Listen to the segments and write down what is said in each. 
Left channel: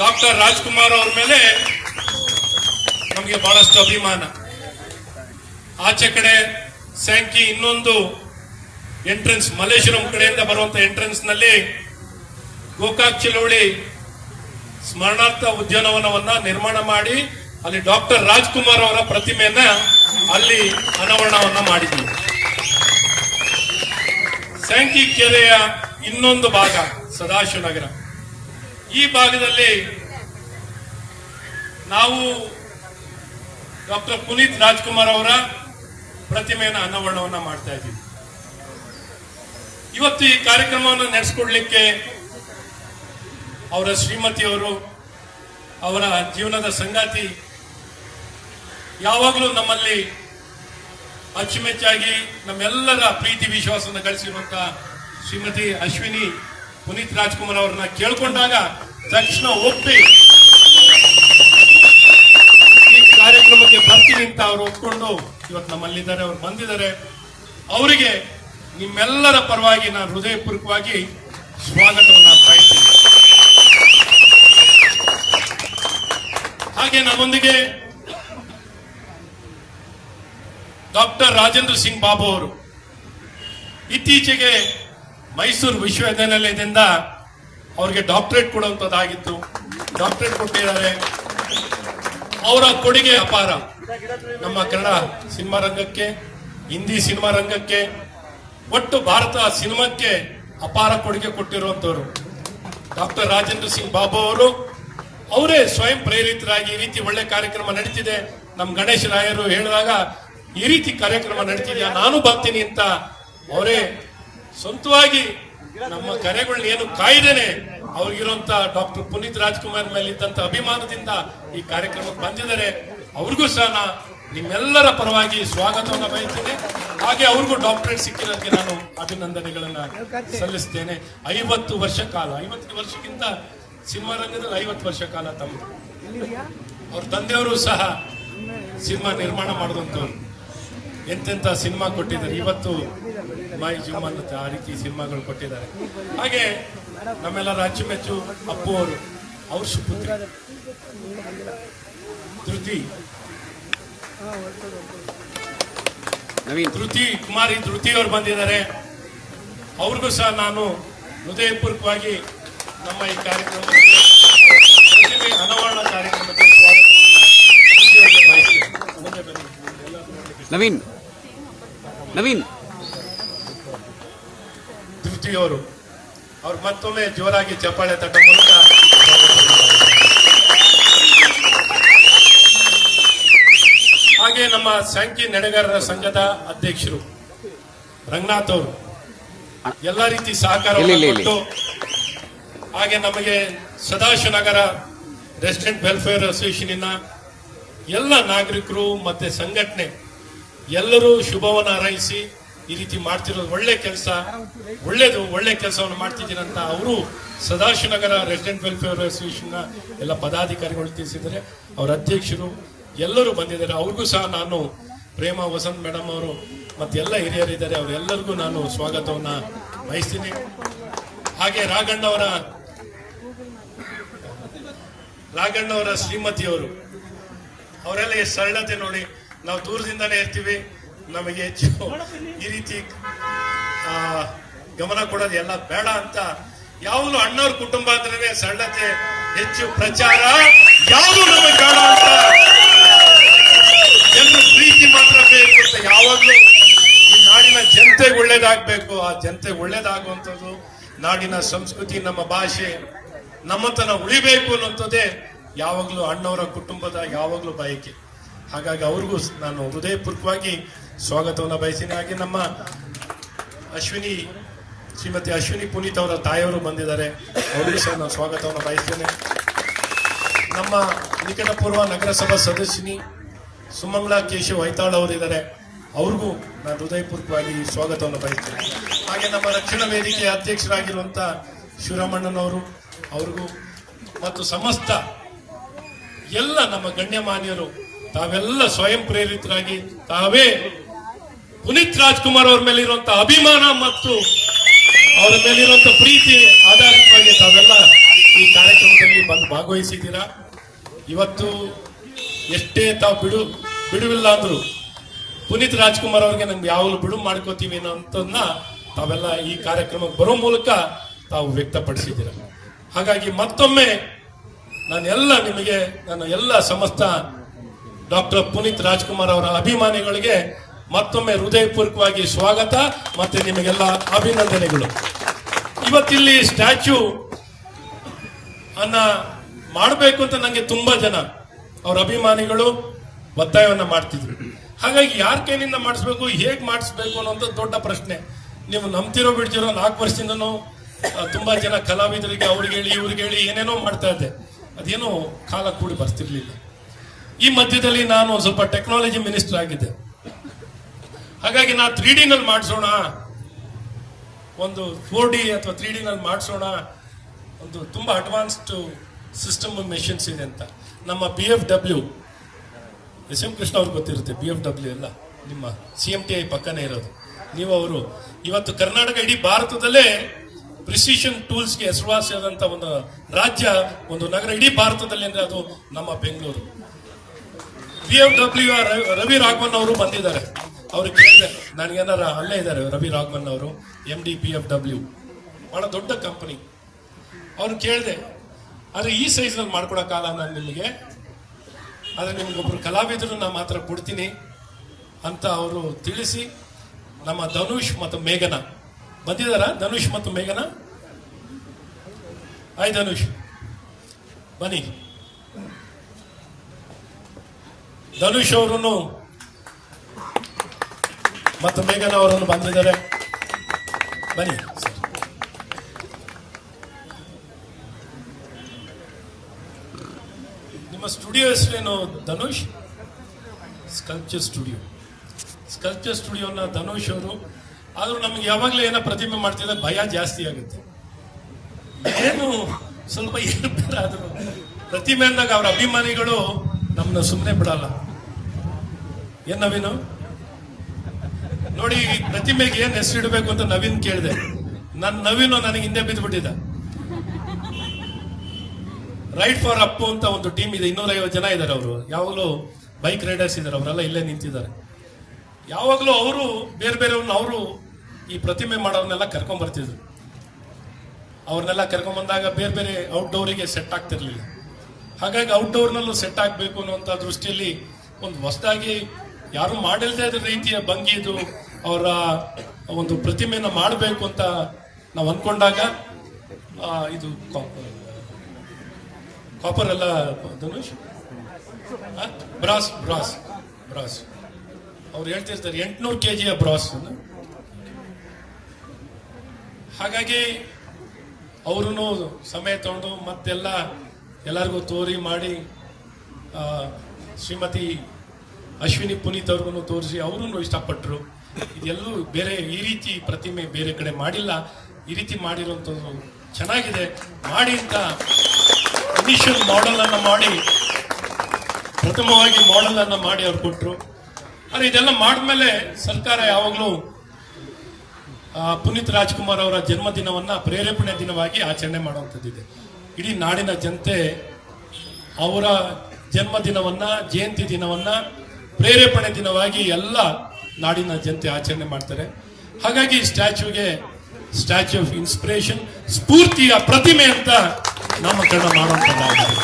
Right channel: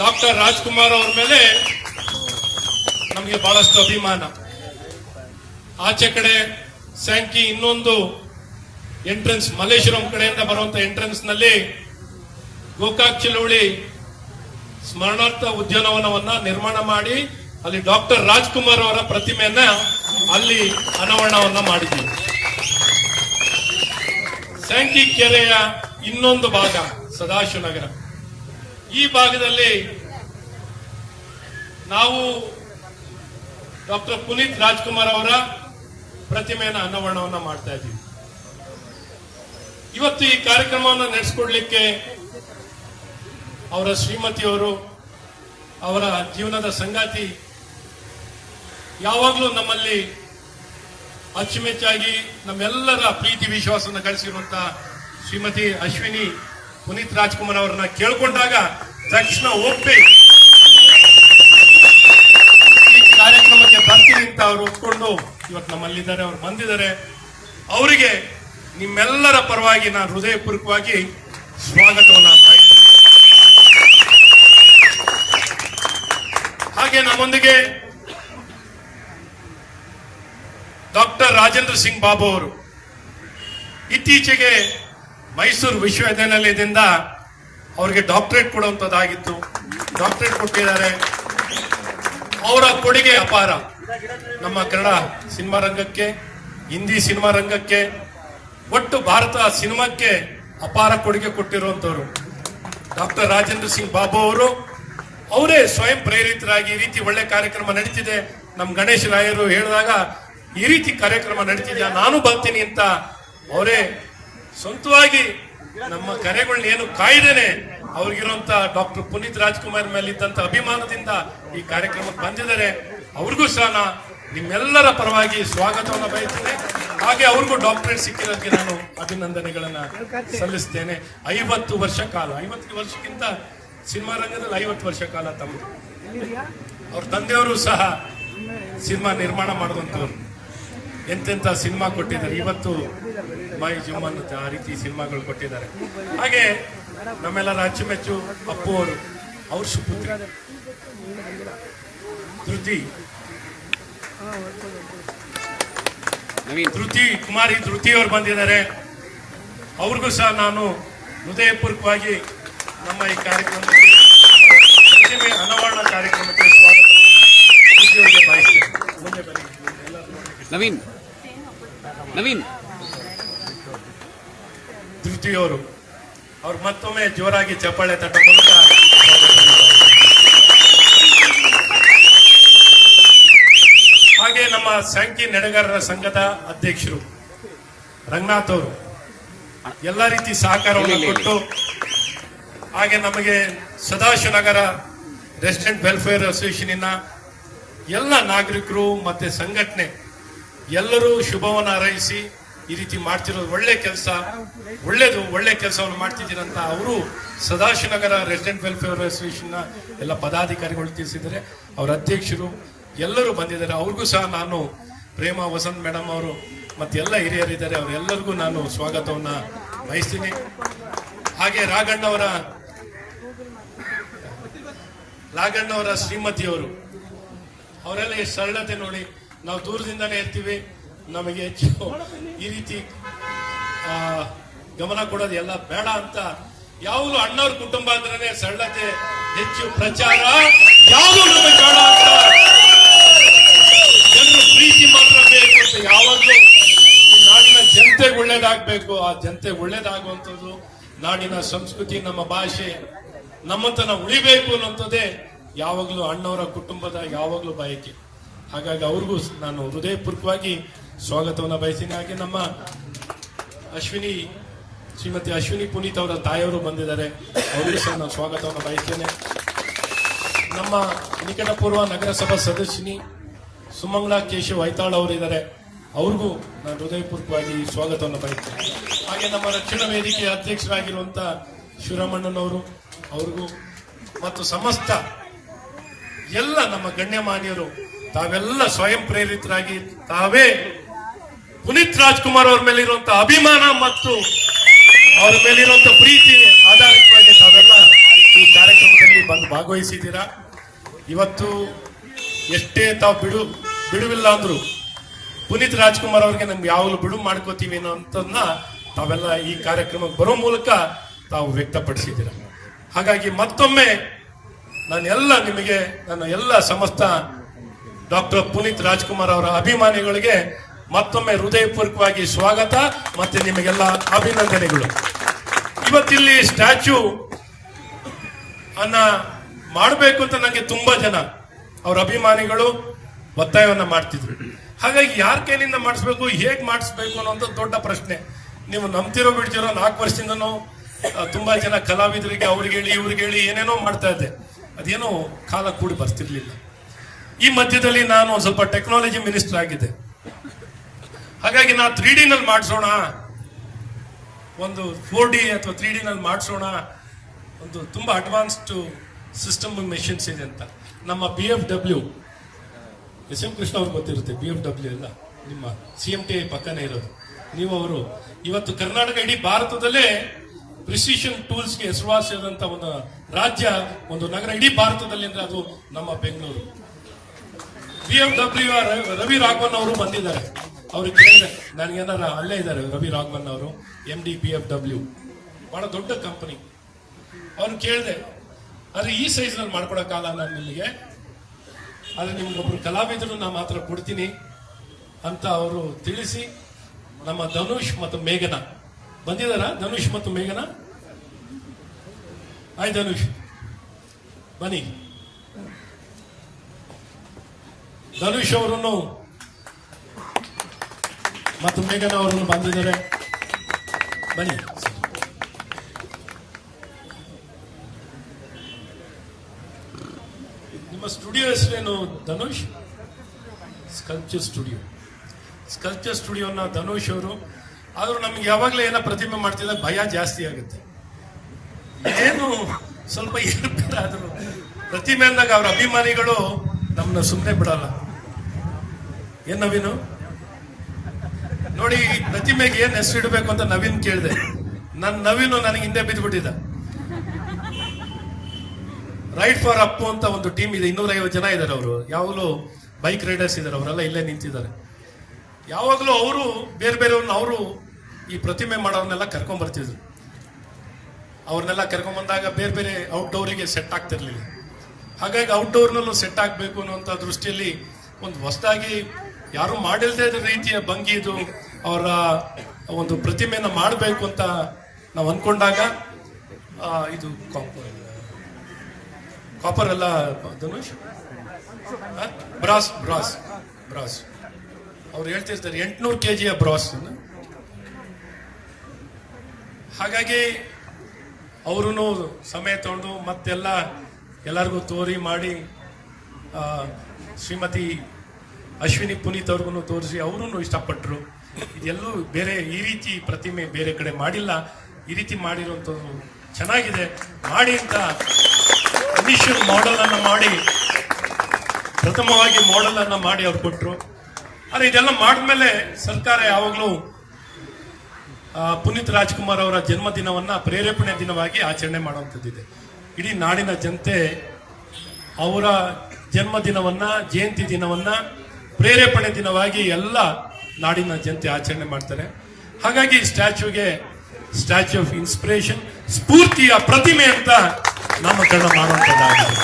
Doctor Rajkumar ಅವ್ರ ಮೇಲೆ ನಮಗೆ ಬಹಳಷ್ಟು ಅಭಿಮಾನ. ಆಚೆ ಕಡೆ ಸ್ಯಾಂಕಿ ಇನ್ನೊಂದು ಎಂಟ್ರೆನ್ಸ್ ಮಲ್ಲೇಶ್ವರಂ ಕಡೆಯಿಂದ ಬರುವಂತ ಎಂಟ್ರೆನ್ಸ್ ನಲ್ಲಿ ಗೋಕಾಕ್ ಚಳವಳಿ ಸ್ಮರಣಾರ್ಥ ಉದ್ಯಾನವನವನ್ನ ನಿರ್ಮಾಣ ಮಾಡಿ ಅಲ್ಲಿ ಡಾಕ್ಟರ್ ರಾಜ್ಕುಮಾರ್ ಅವರ ಪ್ರತಿಮೆಯನ್ನ ಅಲ್ಲಿ ಅನಾವರಣವನ್ನ ಮಾಡಿದ್ವಿ. ಸ್ಯಾಂಕಿ ಕೆರೆಯ ಇನ್ನೊಂದು ಭಾಗ ಸದಾಶಿವನಗರ, ಈ ಭಾಗದಲ್ಲಿ ನಾವು ಡಾಕ್ಟರ್ ಪುನೀತ್ ರಾಜ್ಕುಮಾರ್ ಅವರ ಪ್ರತಿಮೆಯನ್ನು ಅನಾವರಣವನ್ನ ಮಾಡ್ತಾ ಇದ್ದೀವಿ. ಇವತ್ತು ಈ ಕಾರ್ಯಕ್ರಮವನ್ನು ನಡೆಸಿಕೊಡ್ಲಿಕ್ಕೆ ಅವರ ಶ್ರೀಮತಿಯವರು, ಅವರ ಜೀವನದ ಸಂಗಾತಿ, ಯಾವಾಗಲೂ ನಮ್ಮಲ್ಲಿ ಅಚ್ಚುಮೆಚ್ಚಾಗಿ ನಮ್ಮೆಲ್ಲರ ಪ್ರೀತಿ ವಿಶ್ವಾಸವನ್ನು ಗಳಿಸಿರುವಂತಹ ಶ್ರೀಮತಿ ಅಶ್ವಿನಿ ಪುನೀತ್ ರಾಜ್ಕುಮಾರ್ ಅವರನ್ನ ಕೇಳ್ಕೊಂಡಾಗ ತಕ್ಷಣ ಒಪ್ಪಿ ಈ ಕಾರ್ಯಕ್ರಮಕ್ಕೆ ಬರ್ತೀನಿ ಅಂತ ಅವರು ಒಪ್ಕೊಂಡು ಇವತ್ತು ನಮ್ಮಲ್ಲಿದ್ದಾರೆ, ಅವ್ರು ಬಂದಿದ್ದಾರೆ. ಅವರಿಗೆ ನಿಮ್ಮೆಲ್ಲರ ಪರವಾಗಿ ನಾನು ಹೃದಯಪೂರ್ವಕವಾಗಿ ಸ್ವಾಗತವನ್ನು ಬಯಸ್ತೀನಿ. ಹಾಗೆ ನಮ್ಮೊಂದಿಗೆ ಡಾಕ್ಟರ್ ರಾಜೇಂದ್ರ ಸಿಂಗ್ ಬಾಬು ಅವರು ಇತ್ತೀಚೆಗೆ ಮೈಸೂರು ವಿಶ್ವವಿದ್ಯಾನಿಲಯದಿಂದ ಅವರಿಗೆ ಡಾಕ್ಟರೇಟ್ ಕೊಡುವಂತದ್ದಾಗಿತ್ತು. ಡಾಕ್ಟರೇಟ್ ಕೊಟ್ಟಿದ್ದಾರೆ. ಅವರ ಕೊಡುಗೆ ಅಪಾರ. ನಮ್ಮ ಕನ್ನಡ ಸಿನಿಮಾ ರಂಗಕ್ಕೆ, ಹಿಂದಿ ಸಿನಿಮಾ ರಂಗಕ್ಕೆ, ಒಟ್ಟು ಭಾರತ ಸಿನಿಮಾಕ್ಕೆ ಅಪಾರ ಕೊಡುಗೆ ಕೊಟ್ಟಿರುವಂತವರು ಡಾಕ್ಟರ್ ರಾಜೇಂದ್ರ ಸಿಂಗ್ ಬಾಬು ಅವರು. ಅವರೇ ಸ್ವಯಂ ಪ್ರೇರಿತರಾಗಿ ಈ ರೀತಿ ಒಳ್ಳೆ ಕಾರ್ಯಕ್ರಮ ನಡೀತಿದೆ, ನಮ್ಮ ಗಣೇಶ ರಾಯರು ಹೇಳಿದಾಗ ಈ ರೀತಿ ಕಾರ್ಯಕ್ರಮ ನಡೀತಿದ್ಯಾ, ನಾನು ಬರ್ತೀನಿ ಅಂತ ಅವರೇ ಸ್ವಂತವಾಗಿ ನಮ್ಮ ಕರೆಗಳನ್ನ ಏನು ಕಾಯ್ದೇನೆ ಅವ್ರಿಗಿರುವಂತ ಡಾಕ್ಟರ್ ಪುನೀತ್ ರಾಜ್ಕುಮಾರ್ ಮೇಲೆ ಇದ್ದಂತ ಅಭಿಮಾನದಿಂದ ಈ ಕಾರ್ಯಕ್ರಮಕ್ಕೆ ಬಂದಿದ್ದಾರೆ. ಅವ್ರಿಗೂ ಸಹ ನಿಮ್ಮೆಲ್ಲರ ಪರವಾಗಿ ಸ್ವಾಗತವನ್ನು ಬಯಸ್ತೇನೆ. ಹಾಗೆ ಅವ್ರಿಗೂ ಡಾಕ್ಟರೇಟ್ ಸಿಕ್ಕಿರೋದಕ್ಕೆ ನಾನು ಅಭಿನಂದನೆಗಳನ್ನ ಸಲ್ಲಿಸ್ತೇನೆ. 50 ವರ್ಷ ಕಾಲ, 50 ವರ್ಷಕ್ಕಿಂತ ಸಿನಿಮಾ ರಂಗದಲ್ಲಿ 50 ವರ್ಷ ಕಾಲ ತಮ್ಮದು. ಅವ್ರ ತಂದೆಯವರು ಸಹ ಸಿನಿಮಾ ನಿರ್ಮಾಣ ಮಾಡಿದಂಥವ್ರು. ಎಂತೆಂತ ಸಿನಿಮಾ ಕೊಟ್ಟಿದ್ದಾರೆ. ಇವತ್ತು ಮಾಯಿ ಜೀವನ ಆ ರೀತಿ ಸಿನಿಮಾಗಳು ಕೊಟ್ಟಿದ್ದಾರೆ. ಹಾಗೆ ನಮ್ಮೆಲ್ಲರ ಅಚ್ಚುಮೆಚ್ಚು ಅಪ್ಪು ಅವರು, ಅವ್ರ ಸುಪುತ್ರ ಧೃತಿ ಕುಮಾರಿ ಧೃತಿ ಅವರು ಬಂದಿದ್ದಾರೆ. ಅವ್ರಿಗೂ ಸಹ ನಾನು ಹೃದಯಪೂರ್ವಕವಾಗಿ ನಮ್ಮ ಈ ಕಾರ್ಯಕ್ರಮಕ್ಕೆ ಅನಾವರಣ ಕಾರ್ಯಕ್ರಮಕ್ಕೆ ಸ್ವಾಗತವನ್ನು ಬಯಸ್ತೇನೆ. ನವೀನ್ ಧೃತಿಯವರು ಅವ್ರು ಮತ್ತೊಮ್ಮೆ ಜೋರಾಗಿ ಚಪ್ಪಾಳೆ ತಟ್ಟ ಮೂಲಕ. ಹಾಗೆ ನಮ್ಮ ಸ್ಯಾಂಕಿ ನಡೆಗಾರರ ಸಂಘದ ಅಧ್ಯಕ್ಷರು ರಂಗನಾಥ್ ಅವರು ಎಲ್ಲ ರೀತಿ ಸಹಕಾರವನ್ನು ಕೊಟ್ಟು, ಹಾಗೆ ನಮಗೆ ಸದಾಶಿವನಗರ ರೆಸಿಡೆಂಟ್ ವೆಲ್ಫೇರ್ ಅಸೋಸಿಯೇಷನ್ ಎಲ್ಲ ನಾಗರಿಕರು ಮತ್ತೆ ಸಂಘಟನೆ ಎಲ್ಲರೂ ಶುಭವನ್ನು ಹಾರೈಸಿ ಈ ರೀತಿ ಮಾಡ್ತಿರೋದು ಒಳ್ಳೆ ಕೆಲಸ, ಒಳ್ಳೆ ಕೆಲಸವನ್ನು ಮಾಡ್ತಿದ್ದೀರಂತ ಅವರು ಸದಾಶಿವನಗರ ರೆಸಿಡೆಂಟ್ ವೆಲ್ಫೇರ್ ಅಸೋಸಿಯೇಷನ್ ಎಲ್ಲ ಪದಾಧಿಕಾರಿಗಳು ತಿಳಿಸಿದ್ದಾರೆ. ಅವರ ಅಧ್ಯಕ್ಷರು ಎಲ್ಲರೂ ಬಂದಿದ್ದಾರೆ. ಅವ್ರಿಗೂ ಸಹ ನಾನು ಪ್ರೇಮ ವಸಂತ್ ಮೇಡಮ್ ಅವರು ಮತ್ತೆ ಎಲ್ಲ ಹಿರಿಯರಿದ್ದಾರೆ, ಅವರೆಲ್ಲರಿಗೂ ನಾನು ಸ್ವಾಗತವನ್ನ ಬಯಸ್ತೀನಿ. ಹಾಗೆ ರಾಘಣ್ಣವರ ಶ್ರೀಮತಿಯವರು, ಅವರೆಲ್ಲ ಎಷ್ಟು ಸರಳತೆ ನೋಡಿ. ನಾವು ದೂರದಿಂದಾನೇ ಇರ್ತೀವಿ, ನಮಗೆ ಹೆಚ್ಚು ಈ ರೀತಿ ಗಮನ ಕೊಡೋದು ಎಲ್ಲ ಬೇಡ ಅಂತ. ಯಾವಾಗಲೂ ಅಣ್ಣವ್ರ ಕುಟುಂಬ ಅಂದ್ರೆ ಸರಳತೆ ಹೆಚ್ಚು, ಪ್ರಚಾರ ಯಾವುದು ನಮಗೆ ಬೇಡ ಅಂತ, ಜನರ ಪ್ರೀತಿ ಮಾತ್ರ ಬೇಕು ಅಂತ. ಯಾವಾಗಲೂ ಈ ನಾಡಿನ ಜನತೆಗೆ ಒಳ್ಳೇದಾಗಬೇಕು, ಆ ಜನತೆಗೆ ಒಳ್ಳೇದಾಗುವಂಥದ್ದು, ನಾಡಿನ ಸಂಸ್ಕೃತಿ, ನಮ್ಮ ಭಾಷೆ, ನಮ್ಮತನ ಉಳಿಬೇಕು ಅನ್ನೋಂಥದ್ದೇ ಯಾವಾಗಲೂ ಅಣ್ಣವರ ಕುಟುಂಬದ ಯಾವಾಗಲೂ ಬಯಕೆ. ಹಾಗಾಗಿ ಅವ್ರಿಗೂ ನಾನು ಹೃದಯಪೂರ್ವಕವಾಗಿ ಸ್ವಾಗತವನ್ನು ಬಯಸ್ತೀನಿ. ಹಾಗೆ ನಮ್ಮ ಶ್ರೀಮತಿ ಅಶ್ವಿನಿ ಪುನೀತ್ ಅವರ ತಾಯಿಯವರು ಬಂದಿದ್ದಾರೆ, ಅವ್ರಿಗೂ ಸಹ ನಾನು ಸ್ವಾಗತವನ್ನು ಬಯಸ್ತೇನೆ. ನಮ್ಮ ನಿಕಟಪೂರ್ವ ನಗರಸಭಾ ಸದಸ್ಯನಿ ಸುಮಂಗ್ಲಾ ಕೇಶವ್ ಐತಾಳ್ ಅವರಿದ್ದಾರೆ, ಅವ್ರಿಗೂ ನಾನು ಹೃದಯಪೂರ್ವಕವಾಗಿ ಸ್ವಾಗತವನ್ನು ಬಯಸ್ತೇನೆ. ಹಾಗೆ ನಮ್ಮ ರಕ್ಷಣಾ ವೇದಿಕೆಯ ಅಧ್ಯಕ್ಷರಾಗಿರುವಂತ ಶಿವರಾಮಣ್ಣನವರು, ಅವ್ರಿಗೂ ಮತ್ತು ಸಮಸ್ತ ಎಲ್ಲ ನಮ್ಮ ಗಣ್ಯಮಾನ್ಯರು ತಾವೆಲ್ಲ ಸ್ವಯಂ ಪ್ರೇರಿತರಾಗಿ ತಾವೇ ಪುನೀತ್ ರಾಜ್ಕುಮಾರ್ ಅವ್ರ ಮೇಲಿರುವಂತಹ ಅಭಿಮಾನ ಮತ್ತು ಅವರ ಮೇಲಿರುವಂತಹ ಪ್ರೀತಿ ಆಧಾರಿತವಾಗಿ ತಾವೆಲ್ಲ ಈ ಕಾರ್ಯಕ್ರಮ ಇದರಲ್ಲಿ ಬಂದು ಭಾಗವಹಿಸಿದ್ದೀರಾ. ಇವತ್ತು ಎಷ್ಟೇ ತಾವು ಬಿಡುವಿಲ್ಲ ಅಂದ್ರು ಪುನೀತ್ ರಾಜ್ಕುಮಾರ್ ಅವ್ರಿಗೆ ನಮ್ಗೆ ಯಾವಾಗಲೂ ಬಿಡುವು ಮಾಡ್ಕೋತೀವಿ ಅನ್ನೋಂಥದ್ದನ್ನ ತಾವೆಲ್ಲ ಈ ಕಾರ್ಯಕ್ರಮಕ್ಕೆ ಬರೋ ಮೂಲಕ ತಾವು ವ್ಯಕ್ತಪಡಿಸಿದ್ದೀರ. ಹಾಗಾಗಿ ಮತ್ತೊಮ್ಮೆ ನನ್ನ ಎಲ್ಲ ಸಮಸ್ತ ಡಾಕ್ಟರ್ ಪುನೀತ್ ರಾಜ್ಕುಮಾರ್ ಅವರ ಅಭಿಮಾನಿಗಳಿಗೆ ಮತ್ತೊಮ್ಮೆ ಹೃದಯಪೂರ್ವಕವಾಗಿ ಸ್ವಾಗತ ಮತ್ತೆ ನಿಮಗೆಲ್ಲ ಅಭಿನಂದನೆಗಳು. ಇವತ್ತಿಲ್ಲಿ ಸ್ಟ್ಯಾಚ್ಯೂ ಅನ್ನ ಮಾಡಬೇಕು ಅಂತ ನನಗೆ ತುಂಬಾ ಜನ ಅವರ ಅಭಿಮಾನಿಗಳು ಒತ್ತಾಯವನ್ನ ಮಾಡ್ತಿದ್ರು. ಹಾಗಾಗಿ ಯಾರ ಕೈಲಿಂದ ಮಾಡಿಸ್ಬೇಕು, ಹೇಗ್ ಮಾಡಿಸ್ಬೇಕು ಅನ್ನೋದು ದೊಡ್ಡ ಪ್ರಶ್ನೆ. ನೀವು ನಂಬ್ತಿರೋ ಬಿಡ್ತಿರೋ 4 ವರ್ಷದಿಂದನೂ ತುಂಬಾ ಜನ ಕಲಾವಿದರಿಗೆ ಅವ್ರಿಗೆ ಹೇಳಿ ಇವ್ರಿಗೆ ಹೇಳಿ ಏನೇನೋ ಮಾಡ್ತಾ ಇದ್ದೆ. ಅದೇನೋ ಕಾಲ ಕೂಡಿ ಬರ್ತಿರ್ಲಿಲ್ಲ. ಈ ಮಧ್ಯದಲ್ಲಿ ನಾನು ಸ್ವಲ್ಪ ಟೆಕ್ನಾಲಜಿ ಮಿನಿಸ್ಟರ್ ಆಗಿದ್ದೆ. ಹಾಗಾಗಿ ನಾವು 3D ನಲ್ಲಿ ಮಾಡಿಸೋಣ, ಒಂದು 4D ಅಥವಾ 3D ನಲ್ಲಿ ಮಾಡಿಸೋಣ, ಒಂದು ತುಂಬಾ ಅಡ್ವಾನ್ಸ್ಡ್ ಸಿಸ್ಟಮ್ ಮೆಷಿನ್ಸ್ ಇದೆ ಅಂತ ನಮ್ಮ BFW ಎಸ್ ಎಂ ಕೃಷ್ಣ ಅವ್ರಿಗೆ ಗೊತ್ತಿರುತ್ತೆ. BFW ಎಲ್ಲ ನಿಮ್ಮ CMTI ಪಕ್ಕನೇ ಇರೋದು. ನೀವು ಅವರು ಇವತ್ತು ಕರ್ನಾಟಕ ಇಡೀ ಭಾರತದಲ್ಲೇ ಪ್ರಿಸಿಷನ್ ಟೂಲ್ಸ್ಗೆ ಹೆಸರುವಾಸಿಯಾದಂತ ಒಂದು ರಾಜ್ಯ, ಒಂದು ನಗರ ಇಡೀ ಭಾರತದಲ್ಲಿ ಅಂದ್ರೆ ಅದು ನಮ್ಮ ಬೆಂಗಳೂರು. BFW ರವಿ ರಾಘವನ್ ಅವರು ಬಂದಿದ್ದಾರೆ. ಅವ್ರು ಕೇಳಿದೆ ನನಗೇನಾರ ಅಲ್ಲೇ ಇದ್ದಾರೆ ರವಿ ರಾಘವನ್ ಅವರು, MD BFW, ಬಹಳ ದೊಡ್ಡ ಕಂಪನಿ. ಅವ್ರು ಕೇಳಿದೆ ಆದ್ರೆ ಈ ಸೈಜ್ ನಲ್ಲಿ ಮಾಡ್ಕೊಡಕ್ಕಾಗಲ್ಲ ನಾನು ನಿಮಗೆ, ಆದ್ರೆ ನಿಮ್ಗೊಬ್ರು ಕಲಾವಿದರು ನಾನು ಮಾತ್ರ ಕೊಡ್ತೀನಿ ಅಂತ ಅವರು ತಿಳಿಸಿ ನಮ್ಮ ಧನುಷ್ ಮತ್ತು ಮೇಘನಾ ಬಂದಿದಾರ. ಧನುಷ್ ಮತ್ತು ಮೇಘನಾ, ಹಾಯ್ ಧನುಷ್ ಬನ್ನಿ. ಧನುಷ್ ಅವರನ್ನು ಮತ್ತು ಮೇಘನಾ ಅವರನ್ನು ಬಂದಿದ್ದಾರೆ, ಬನ್ನಿ. ನಿಮ್ಮ ಸ್ಟುಡಿಯೋ ಹೆಸರೇನು ಧನುಷ್? ಸ್ಕಲ್ಪ್ಚರ್ ಸ್ಟುಡಿಯೋನ ಧನುಷ್ ಅವರು. ಆದ್ರೂ ನಮ್ಗೆ ಯಾವಾಗಲೂ ಏನೋ ಪ್ರತಿಮೆ ಮಾಡ್ತಿದ್ದಾಗ ಭಯ ಜಾಸ್ತಿ ಆಗುತ್ತೆ. ಏನು ಸ್ವಲ್ಪ ಆದ್ರೂ ಪ್ರತಿಮೆ ಅಂದಾಗ ಅವ್ರ ಅಭಿಮಾನಿಗಳು ನಮ್ಮನ್ನ ಸುಮ್ಮನೆ ಬಿಡಲ್ಲ. ಏನ್ ನವೀನು ನೋಡಿ, ಪ್ರತಿಮೆಗೆ ಏನ್ ಹೆಸರು ಇಡಬೇಕು ಅಂತ ನವೀನ್ ಕೇಳಿದೆ. ನವೀನು ನನಗೆ ಹಿಂದೆ ಬಿದ್ದುಬಿಟ್ಟಿದ್ದ. ರೈಟ್ ಫಾರ್ ಅಪ್ಪು ಅಂತ ಒಂದು ಟೀಮ್ ಇದೆ, 250 ಜನ ಇದ್ದಾರೆ. ಅವರು ಯಾವಾಗಲೂ ಬೈಕ್ ರೈಡರ್ಸ್ ಇದ್ದಾರೆ, ಅವರೆಲ್ಲ ಇಲ್ಲೇ ನಿಂತಿದ್ದಾರೆ. ಯಾವಾಗಲೂ ಅವರು ಬೇರೆ ಬೇರೆಯವ್ರನ್ನ ಅವರು ಈ ಪ್ರತಿಮೆ ಮಾಡೋರ್ನೆಲ್ಲ ಕರ್ಕೊಂಡ್ ಬರ್ತಿದ್ರು. ಅವ್ರನ್ನೆಲ್ಲ ಕರ್ಕೊಂಡ್ ಬಂದಾಗ ಬೇರೆ ಬೇರೆ ಔಟ್ಡೋರಿಗೆ ಸೆಟ್ ಆಗ್ತಿರ್ಲಿಲ್ಲ. ಹಾಗಾಗಿ ಔಟ್ಡೋರ್ನಲ್ಲೂ ಸೆಟ್ ಆಗ್ಬೇಕು ಅನ್ನುವಂತ ದೃಷ್ಟಿಯಲ್ಲಿ ಒಂದು ಹೊಸದಾಗಿ ಯಾರು ಮಾಡಿಲ್ಲದೆ ರೀತಿಯ ಭಂಗಿದು ಅವರ ಒಂದು ಪ್ರತಿಮೆನ ಮಾಡಬೇಕು ಅಂತ ನಾವು ಅನ್ಕೊಂಡಾಗ ಇದು ಕಾಪರ್ ಅಲ್ಲ ಧನುಷ್, ಬ್ರಾಸ್ ಅವ್ರು ಹೇಳ್ತಿರ್ತಾರೆ 800 kg ಬ್ರಾಸ್. ಹಾಗಾಗಿ ಅವರು ಸಮಯ ತಗೊಂಡು ಎಲ್ಲರಿಗೂ ತೋರಿ ಮಾಡಿ ಶ್ರೀಮತಿ ಅಶ್ವಿನಿ ಪುನೀತ್ ಅವ್ರಿಗೂ ತೋರಿಸಿ ಅವರು ಇಷ್ಟಪಟ್ಟರು. ಇದೆಲ್ಲೂ ಬೇರೆ ಈ ರೀತಿ ಪ್ರತಿಮೆ ಬೇರೆ ಕಡೆ ಮಾಡಿಲ್ಲ, ಈ ರೀತಿ ಮಾಡಿರುವಂಥದ್ದು ಚೆನ್ನಾಗಿದೆ ಮಾಡಿ ಅಂತ ಇನಿಷಿಯಲ್ ಮಾಡೆಲ್ ಅನ್ನು ಮಾಡಿ, ಪ್ರಥಮವಾಗಿ ಮಾಡೆಲ್ ಅನ್ನು ಮಾಡಿ ಅವ್ರು ಕೊಟ್ಟರು. ಆದ್ರೆ ಇದೆಲ್ಲ ಮಾಡಿದ್ಮೇಲೆ ಸರ್ಕಾರ ಯಾವಾಗಲೂ ಪುನೀತ್ ರಾಜ್ಕುಮಾರ್ ಅವರ ಜನ್ಮದಿನವನ್ನ ಪ್ರೇರೇಪಣೆ ದಿನವಾಗಿ ಆಚರಣೆ ಮಾಡುವಂಥದ್ದಿದೆ. ಇಡೀ ನಾಡಿನ ಜನತೆ ಅವರ ಜನ್ಮದಿನವನ್ನ, ಜಯಂತಿ ದಿನವನ್ನ ಪ್ರೇರೇಪಣೆ ದಿನವಾಗಿ ಎಲ್ಲ ನಾಡಿನ ಜನತೆ ಆಚರಣೆ ಮಾಡ್ತಾರೆ. ಹಾಗಾಗಿ ಸ್ಟ್ಯಾಚ್ಯೂ ಆಫ್ ಇನ್ಸ್ಪಿರೇಷನ್, ಸ್ಫೂರ್ತಿಯ ಪ್ರತಿಮೆ ಅಂತ ನಾಮಕರಣ ಮಾಡುವಂಥದ್ದಾಗಿದೆ.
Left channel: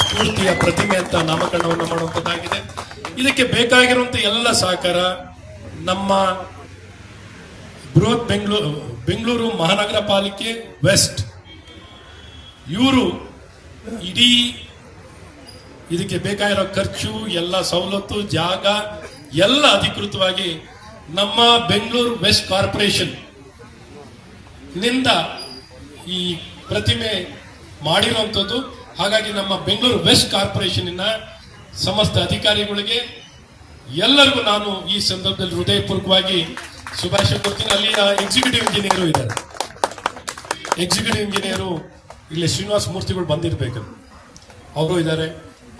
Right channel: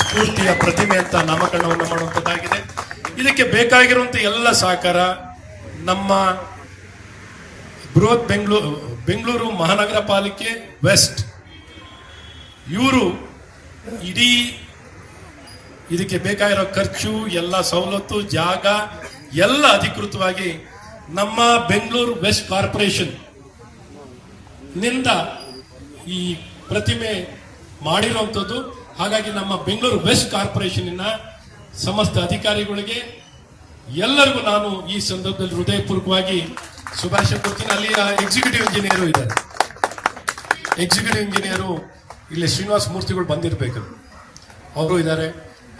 ಸ್ಫೂರ್ತಿಯ ಪ್ರತಿಮೆ ಅಂತ ನಾಮಕರಣವನ್ನು ಮಾಡುವಂಥದ್ದಾಗಿದೆ. ಇದಕ್ಕೆ ಬೇಕಾಗಿರುವಂತ ಎಲ್ಲ ಸಹಕಾರ ನಮ್ಮ ಬೃಹತ್ ಬೆಂಗಳೂರು ಮಹಾನಗರ ಪಾಲಿಕೆ ವೆಸ್ಟ್, ಇವರು ಇಡೀ ಇದಕ್ಕೆ ಬೇಕಾಗಿರೋ ಖರ್ಚು, ಎಲ್ಲ ಸವಲತ್ತು, ಜಾಗ ಎಲ್ಲ ಅಧಿಕೃತವಾಗಿ ನಮ್ಮ ಬೆಂಗಳೂರು ವೆಸ್ಟ್ ಕಾರ್ಪೊರೇಷನ್ ನಿಂದ ಈ ಪ್ರತಿಮೆ ಮಾಡಿರುವಂಥದ್ದು. ಹಾಗಾಗಿ ನಮ್ಮ ಬೆಂಗಳೂರು ವೆಸ್ಟ್ ಕಾರ್ಪೊರೇಷನ್ ಸಮಸ್ತ ಅಧಿಕಾರಿಗಳಿಗೆ ಎಲ್ಲರಿಗೂ ನಾನು ಈ ಸಂದರ್ಭದಲ್ಲಿ ಹೃದಯಪೂರ್ವಕವಾಗಿ ಶುಭಾಶಯ ಕೊಡ್ತೀನಿ. ಅಲ್ಲಿಯ ಎಕ್ಸಿಕ್ಯೂಟಿವ್ ಇಂಜಿನಿಯರು ಇದ್ದಾರೆ, ಎಕ್ಸಿಕ್ಯೂಟಿವ್ ಇಂಜಿನಿಯರು ಇಲ್ಲಿ ಶ್ರೀನಿವಾಸ ಮೂರ್ತಿಗಳು ಬಂದಿರಬೇಕು, ಅವರು ಇದ್ದಾರೆ.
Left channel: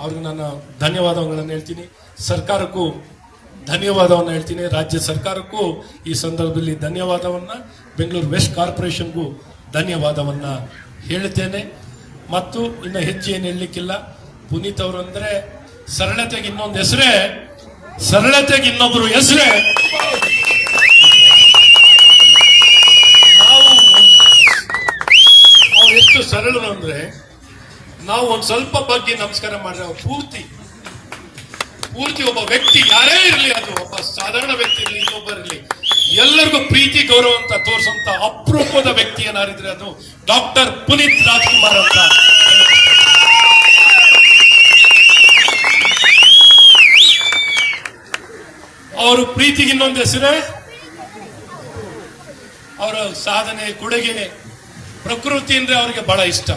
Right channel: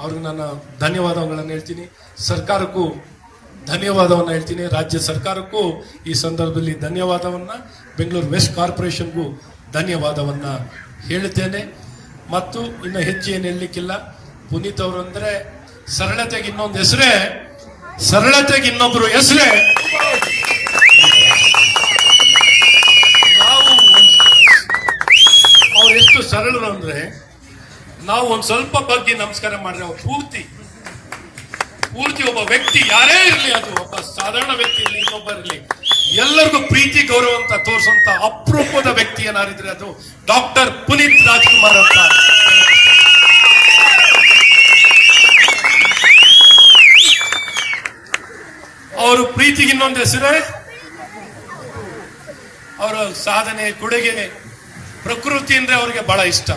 ಅವ್ರಿಗೆ ನಾನು ಧನ್ಯವಾದಗಳನ್ನು ಹೇಳ್ತೀನಿ. ಸರ್ಕಾರಕ್ಕೂ ಧನ್ಯವಾದವನ್ನು ಹೇಳ್ತೀನಿ, ರಾಜ್ಯ ಸರ್ಕಾರಕ್ಕೂ ಈ ಸಂದರ್ಭದಲ್ಲಿ ಧನ್ಯವಾದವನ್ನ, ಬೆಂಗಳೂರು ವೆಸ್ಟ್ ಕಾರ್ಪೊರೇಷನ್ಗೂ ಧನ್ಯವಾದವನ್ನ ಹೇಳುತ್ತೇನೆ. ಮತ್ತು ಇನ್ನು ಹೆಚ್ಚು ಏನು ಹೇಳಲಿಕ್ಕಿಲ್ಲ. ಪುನೀತ್ ಅವರು ಅಂದ್ರೆ ಸರಳತೆಗೆ ಇನ್ನೊಂದು ಹೆಸರೇ, ಸರಳತೆಗೆ ಇನ್ನೊಬ್ಬರು ಹೆಸರೇ. ನಾವು ಅವ್ರು ಎಷ್ಟು ಸರಳರು ಅಂದ್ರೆ, ನಾವು ಒಂದ್ ಸ್ವಲ್ಪ ಬಗ್ಗೆ ನಮಸ್ಕಾರ ಮಾಡಿದ್ರೆ ಅವ್ರು ಪೂರ್ತಿ ಒಬ್ಬ ವ್ಯಕ್ತಿ ಯಾರೇ ಇರಲಿ, ಅದು ಒಬ್ಬ ಸಾಧಾರಣ ವ್ಯಕ್ತಿ ಇರಲಿ, ಇನ್ನೊಬ್ಬರಿರಲಿ, ಎಲ್ಲರಿಗೂ ಪ್ರೀತಿ ಗೌರವ ಅಂತ ತೋರಿಸುವಂತ ಅಪರೂಪದ ವ್ಯಕ್ತಿ ಏನಾರಿದ್ರೆ ಅದು ಡಾಕ್ಟರ್ ಪುನೀತ್ ರಾಜ್ಕುಮಾರ್ ಅಂತ. ಅವರು ಪ್ರೀತಿಗೆ ಇನ್ನೊಂದು ಹೆಸರೇ, ಅವರ ಸಾಧನೆ, ಕೊಡುಗೆ, ಪ್ರಕೃತಿ ಅಂದ್ರೆ ಅವ್ರಿಗೆ ಬಹಳ ಇಷ್ಟ.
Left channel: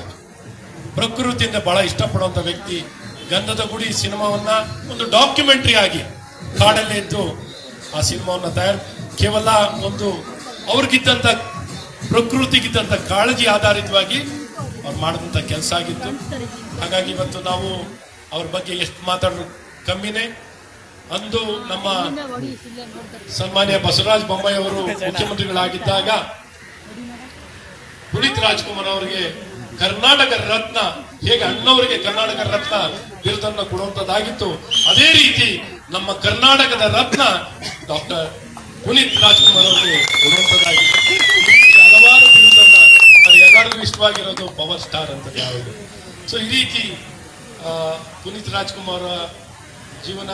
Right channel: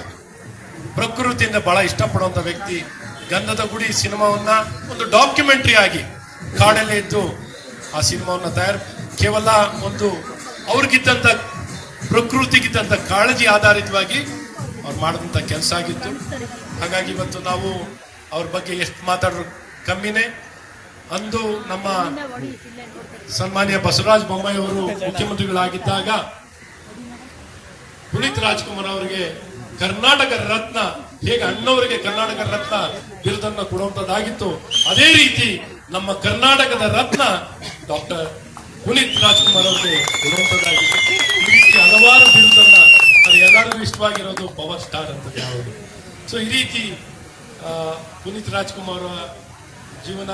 ಪ್ರಕೃತಿಯಿಂದ ಬಹಳ ಇಷ್ಟಪಡುವಂತ ವ್ಯಕ್ತಿ. ಗಂಧದ ಗುಡಿ ಸಿನಿಮಾವನ್ನ ಒಂದು ಡಾಕ್ಯುಮೆಂಟರಿ ಆಗಿ ಕಾಡಲ್ಲೇ ಇದ್ದು ಆ ಸಿನಿಮಾವನ್ನ ಕೇವಲ ಒಂದು ಅವ್ರಿಗಿದ್ದಂತ ಪ್ರಕೃತಿಗಿದ್ದಂತ ಕಾಳಜಿ ಆಧಾರಿತವಾಗಿ ಅವ್ರು ಮಾಡಿದಂತ ಕೆಲಸ ಆಗಿತ್ತು. ಹಾಗಾಗಿ ಇವತ್ತು ನಾವು ಅವ್ರ ಬಗ್ಗೆ ಎಷ್ಟು ಮಾತಾಡೋರು ಕಮ್ಮಿನೇ. ಅಂದು ನಮ್ಮ ಸನ್ಮಾನ್ಯ ಬಸವರಾಜ ಬೊಮ್ಮಾಯಿ ಅವರು ಮುಖ್ಯಮಂತ್ರಿಗಳಾಗಿದ್ದಾಗ ಪುನೀತ್ ರಾಜ್ಕುಮಾರ್ ಅವರಿಗೆ ಕರ್ನಾಟಕ ರತ್ನ, ಹೇಗೆ ಅಣ್ಣವರಿಗೆ ಕರ್ನಾಟಕ ರತ್ನ ಬಿರುದನ್ನು ಕೊಡುವಂತದ್ದಾಗಿತ್ತು, ಅದೇ ರೀತಿ ನಮ್ಮ ಕರ್ನಾಟಕದ ರತ್ನ ಡಾಕ್ಟರ್ ಪುನೀತ್ ರಾಜ್ಕುಮಾರ್ ಅವರಿಗೆ ಕೊಡುವಂತದ್ದಾಗಿತ್ತು. ಈ ರೀತಿ ಹಲವಾರು ಬಿರುದನ್ನ, ಅದು ಎಲ್ಲರಿಗೂ ಇಷ್ಟವಾಗಿರೋದು ಪವರ್ ಸ್ಟಾರ್ ಅಂತ ಯಾವುದು. ಸೊ ಈ ರೀತಿ ಪುನೀತ್ ರಾಜ್ಕುಮಾರ್ ಅವರ ಜೀವನ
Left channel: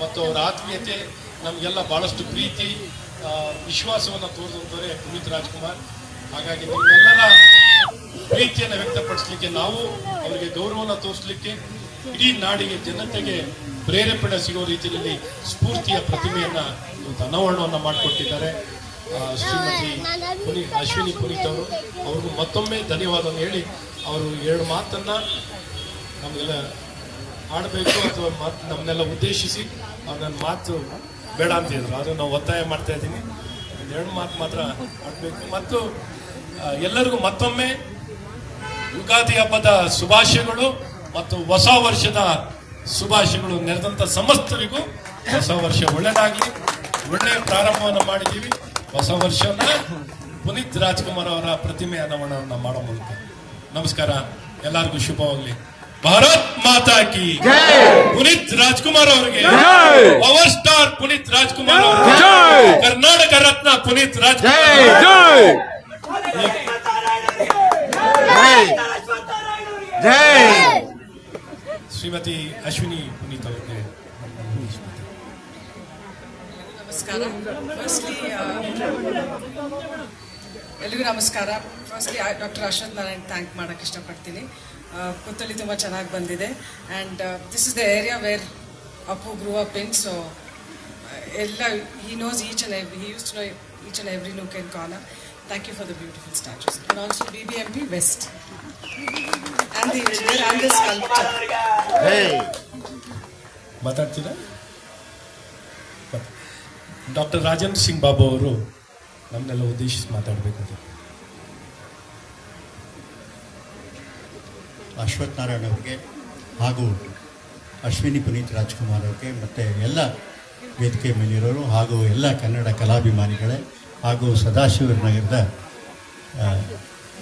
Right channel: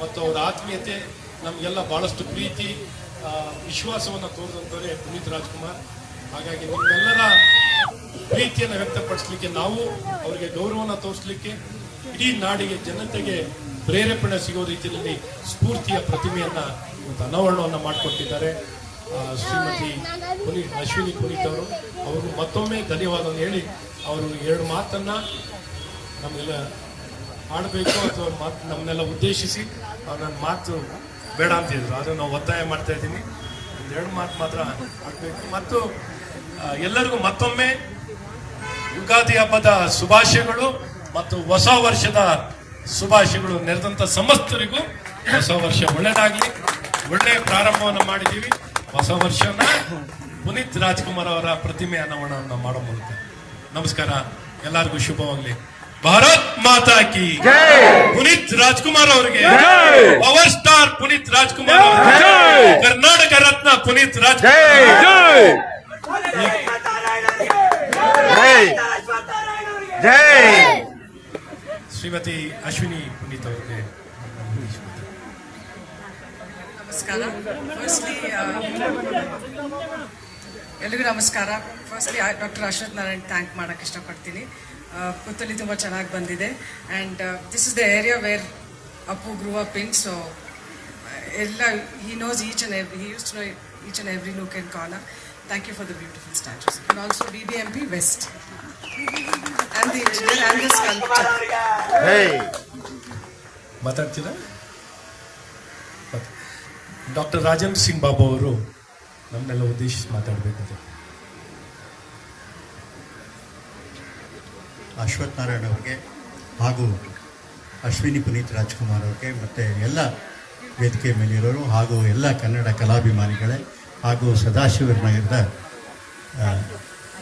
ಮತ್ತು ಅವರ ಆತ್ಮೀಯತೆ ನಮಗೆಲ್ಲ ಬಹಳಷ್ಟು ಪ್ರೀತಿ, ವಿಶ್ವಾಸವನ್ನು ತೋರಿದಂತವರೇ ಪುನೀತ್ ರಾಜ್ಕುಮಾರ್. ಹಾಗಾಗಿ ನಿಮ್ಮೆಲ್ಲರ ಪ್ರೀತಿಯನ್ನು ವ್ಯಕ್ತಪಡಿಸಲಿಕ್ಕೆ, ನಾವು ಅವರಿಗೆ ಗೌರವವನ್ನು ತೋರಿಸಲಿಕ್ಕೆ, ಇಡೀ ನಾಡಿಗೆ, ಜನತೆಗೆ ಪ್ರೇರೇಪಣೆ ಸಿಗೋ ರೀತಿಯಲ್ಲಿ ಸ್ಫೂರ್ತಿಯ ಪ್ರತಿಮೆಯನ್ನ ಅನಾವರಣವನ್ನು ಮಾಡಿಕೊಟ್ಟಿದ್ದಾರೆ ಶ್ರೀಮತಿ ಅಶ್ವಿನಿ ಪುನೀತ್ ಅವರು ಮತ್ತೊಮ್ಮೆ ಧನ್ಯವಾದವನ್ನು ಹೇಳಿ, ಅವರು 2 ಮಾತನ್ನ ನಮಗೆಲ್ಲ ಆಡಬೇಕು ಅಥವಾ ನಮ್ಮನ್ನೆಲ್ಲ ಉದ್ದೇಶಿಸಿ ನನ್ನ ಮಾತು ಬೇಡ ಅಂತಿದ್ರು. ಆದ್ರೆ ನಾವು ಒತ್ತಾಯ ಮಾಡ್ತಾ ಇದ್ದೀನಿ, 2 ಮಾತು ಮಾತ್ರ ಆಡಬೇಕು. ಮತ್ತು ಎಲ್ಲರಿಗೂ ಮತ್ತೊಮ್ಮೆ ಯುಗಾದಿ ಹಬ್ಬದ ಶುಭಾಶಯಗಳು ಮತ್ತು ಹೊಸ ವರ್ಷದ ಶುಭಾಶಯಗಳು. ನೆರೆದಂತ ಸಮಸ್ತರಿಗೂ ಹೊಸ ವರ್ಷ ಒಳ್ಳೆಯದಾಗಲಿ. ಒಳ್ಳೆಯ ಪ್ರಾರಂಭವನ್ನು ಮಾಡಿದ್ದೀವಿ. ಹೊಸ ವರ್ಷನ ಪುನೀತ್ ರಾಜ್ಕುಮಾರ್ ಅವರ ಪ್ರತಿಮೆ ಅನಾವರಣವನ್ನು ಮಾಡೋ ಮೂಲಕ. ನಮಸ್ಕಾರ, ಎಲ್ಲರಿಗೂ ಶುಭವಾಗಲಿ. ಭಾರತ್ ಮಾತಾ ಕಿ ಪುನೀತ್ ರಾಜ್ಕುಮಾರ್ ಅವರಿಗೆ, ಪವರ್ ಸ್ಟಾರ್ ಪುನೀತ್ ರಾಜ್ಕುಮಾರ್, ಕರ್ನಾಟಕ ರತ್ನ ಪುನೀತ್ ರಾಜ್ಕುಮಾರ್. ಶ್ರೀಮತಿ ಅಶ್ವಿನಿ ಪುನೀತ್ ಅವರಿಗೆ ನಮಸ್ಕಾರ. ಎಲ್ಲಿಗೂ ನಮಸ್ಕಾರ. Firstly doctor Ashwath Narayan thank ಮಾಡಕ್ಕೆ ಇಷ್ಟಪಡ್ತೀನಿ. ಕೂತಲ್ಲಿ ತುಂಬ ಚೆನ್ನಾಗಿ ಬಂದಿದೆ. And this is the area where Appu grew up in. So ಎಲ್ಲ he knows each and every, he use to know each and every nook and corner. Thank you for the beautiful statues. And also BBMP West. And the engineer and the sculptor. ಮಾತಾಡ್ತೀರಾ? Doctor Rajendra Singh Babu ಅವರು ನಮ್ಮನ್ನೆಲ್ಲ ಉದ್ದೇಶಿಸಿ ಮಾತಾಡಬೇಕು. ಅಶ್ವಥ್ ನಾರಾಯಣ್ ಅವರಿಗೆ ಹಾಗೂ ಅಶ್ವಿನಿ ಪುನೀತ್ ರಾಜ್ಕುಮಾರ್ ಅವ್ರಿಗೆ ಮತ್ತು ಎಲ್ಲ ವೇದಿಕೆ ಮೇಲಿರೋರು ಹಾಗೂ ಎಲ್ಲ ಕನ್ನಡ ಕಲಾಭಿಮಾನಿಗಳೇ ಹಾಗೂ ಸದಾಶಿವ ನಗರದ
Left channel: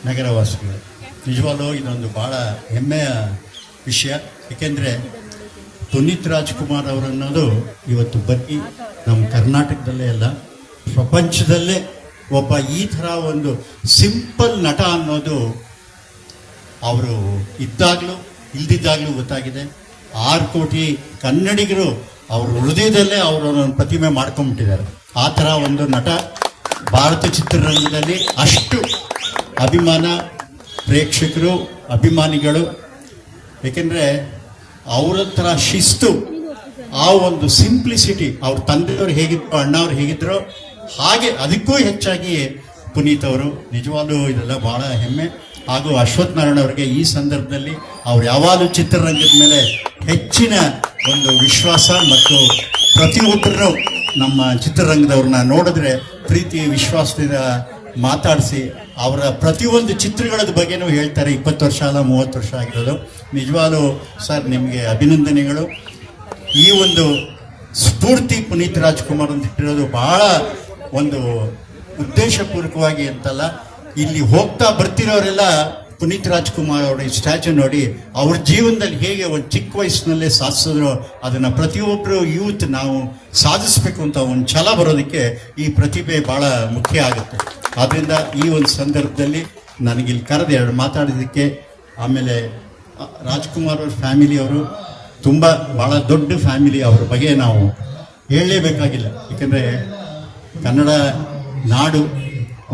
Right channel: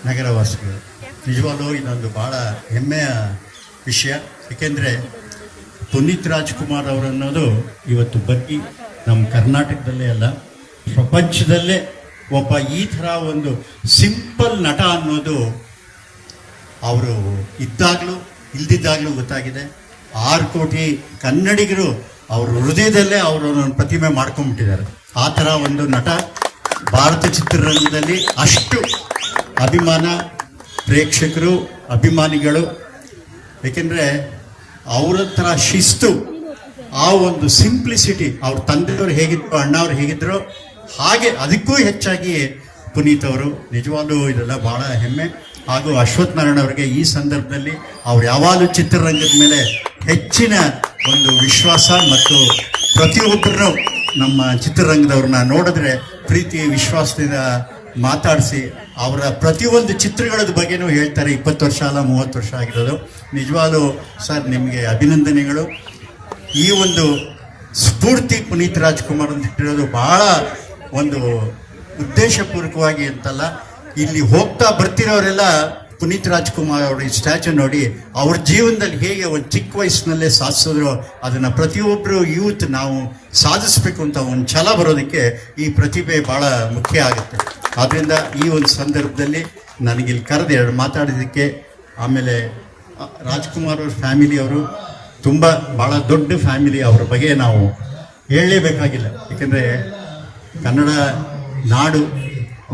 ನಗರವಾಸಿಗಳು, ನಿಜವಾಗ್ಲೂ ಇದೊಂದು ಭಾಳ ಹೆಮ್ಮೆಯ ವಿಷಯ. ಏಕೆಂದರೆ ಪುನೀತ್ ರಾಜ್ಕುಮಾರ್ ಅವರನ್ನೋದು ಇವತ್ತು ಬರೀ ನಮ್ಮ ಕರ್ನಾಟಕದಲ್ಲೇ ಅಲ್ಲ, ಪ್ರಪಂಚದಲ್ಲೇ ಒಬ್ಬ ಈ ಥರ ಒಂದು ಸಿಂಪಲ್ ನಟ ಅನ್ನೋದು ಅವರು ಇದ್ದಾಗಲೂ ಇಲ್ದಿದ್ದಾಗಲೂ ಗೊತ್ತಾಗಿದೆ. 6 ಕೋಟಿ ಕನ್ನಡಿಗರು ಅವ್ರ ಹೃದಯದಲ್ಲೇ ಅವರು ಒಂದು ಪ್ರತಿಮೆ ಮಾಡ್ಕೊಂಡ್ಬಿಟ್ಟಿದ್ದಾರೆ. ಆ ಥರ ಒಂದು ನಟ ಭಾರತ ಚಿತ್ರರಂಗದಲ್ಲಿ ಅಷ್ಟು ಅಭಿಮಾನ, ಪ್ರೇಕ್ಷಕರು, ಅಭಿಮಾನಿಗಳು. ಏಕೆಂದರೆ ಅವರ ಥರ ಶಿಸ್ತು, ಆ ಒಂದು ಸಿಂಪ್ಲಿಸಿಟಿ, ಅವ್ರ ತಂದೆಯವರು ಹೇಗಿದ್ರು, ಅಣ್ಣವ್ರು ಹೇಗಿದ್ರು ಹಾಗೆ ಅದಕ್ಕೂ ಹೆಚ್ಚಾಗಿ ಪುನೀತ್ ಅವರು. ನಿಜವಾಗ್ಲೂ ಇದೆಲ್ಲ ಬಹಳ ಹೆಮ್ಮೆ. ಹಾಗೂ ಅಶ್ವಥ್ ನಾರಾಯಣ್ ಅವರಿಗೆ ಈ ಸಂದರ್ಭದಲ್ಲಿ ಅವ್ರು ಯಾವಾಗಲೂ ಚಿತ್ರರಂಗದ ಮೇಲೆ ಹೆಚ್ಚಿನ ಒಂದು ವಿಶ್ವಾಸ ಮತ್ತು ಪ್ರತಿಯೊಬ್ಬರು ನಮ್ಮ ಚಿತ್ರರಂಗದವ್ರನ್ನ ನೋಡಿದ್ರೆ ಪ್ರೀತಿ ವಿಶ್ವಾಸದಿಂದ ಮಾತಾಡಿಸಿ ಅವರ ಪ್ರತಿಯೊಂದು ಚಿತ್ರಗಳ ಬಗ್ಗೆನೂ ಹೇಳ್ತಾರೆ. 20 ವರ್ಷ ಅಲ್ಲ 30 ವರ್ಷ ಆಗಿರೋದು. ನಿಜವಾಗ್ಲೂ ಸರ್ ನಿಮಗೆ ಅಭಿನಂದನೆಗಳು. ಈ ಒಂದು ಸ್ಫೂರ್ತಿ ಪುನೀತ್ ರಾಜ್ಕುಮಾರ್ ಅಂತ ಇಟ್ಟಿರೋದು ಬಹಳ ಒಂದು ಉದ್ದೇಶಪೂರ್ವಕವಾಗಿ ಅಂತಲ್ಲ, ಇಲ್ಲಿ ಹೋಗ್ತಾ ಬರ್ತಿರೋರೆಲ್ಲ ಪುನೀತ್ ರಾಜ್ಕುಮಾರ್ ಅವರ ಈ ಸ್ಟ್ಯಾಚು ನೋಡಿ ಅವ್ರ ಜೀವನದಲ್ಲಿ ಹೇಗೆ ಒಂದು ಚಿಕ್ಕ ವಯಸ್ಸಿನಲ್ಲೇ ಸಾಧಿಸಿದ್ರು ಅದನ್ನ ಪ್ರತಿಯೊಬ್ಬರು ಯೂತ್ ನಾವು ಸಾಧಿಸಬೇಕು ಅಂತ ಒಂದು ಛಲ ಬರೋದಕ್ಕೆ ಈ ಪ್ರತಿಭೆ ಬಹಳ ಮುಖ್ಯ ಆಗುತ್ತೆ. ಆದ್ರಿಂದ ಈ ಒಂದು ಸಂದರ್ಭದಲ್ಲಿ ನನಗೆ ಇಲ್ಲಿ ಕರೆದು ಎರಡು ಮಾತಾಡೋದಕ್ಕೆ, ಆಮೇಲೆ ರಾಜ್ಕುಮಾರ್ ಅವ್ರ ಫ್ಯಾಮಿಲಿಯವರು ತುಂಬ ಬಹಳ ದೊಡ್ಡ ಫ್ಯಾಮಿಲಿ, ಅವ್ರ ಬಗ್ಗೆ ನಾವು ಹೇಳಲೇಬೇಕಾಗಿಲ್ಲ. ಯಾಕಂದರೆ ಕನ್ನಡ ನಾಡು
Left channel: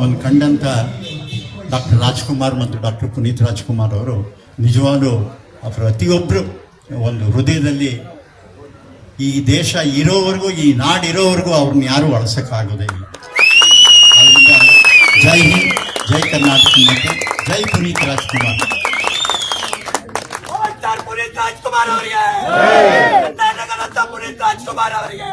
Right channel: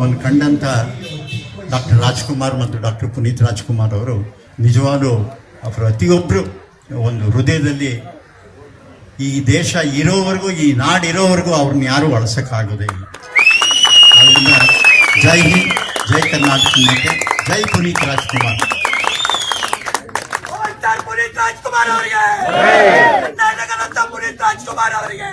ಒಂದು ಕಂಡಂಥ ಡಾಕ್ಟರ್ ರಾಜ್ಕುಮಾರ್ ಮತ್ತು ಡಾಕ್ಟರ್ ಪುನೀತ್ ರಾಜ್ಕುಮಾರ್ ಅವರು ನಿಜವಾಗ್ಲೂ ಪ್ರತಿಯೊಬ್ಬರು ಒಂದು ಹೃದಯದಲ್ಲಿ ಈ ದೇಶ ಇರೋವರೆಗೂ, ಈ ನಾಡಿರೋವರೆಗೂ ಅವ್ರನ್ನ ಯಾರೂ ಅಳಿಸೋಕ್ಕಾಗೋದೇ ಇಲ್ಲ. ಆದ್ದರಿಂದ ಜೈ ಹಿಂದ್, ಜೈ ಕರ್ನಾಟಕ ಮತ್ತು ಜೈ ಪುನೀತ್ ರಾಜ್ಕುಮಾರ್. ಪುನೀತ್ ರಾಜ್ಕುಮಾರ್ ಅವರಿಗೆ, ಕರ್ನಾಟಕದ ಪುನೀತ್ ರಾಜ್ಕುಮಾರ್ ಅವರಿಗೆ.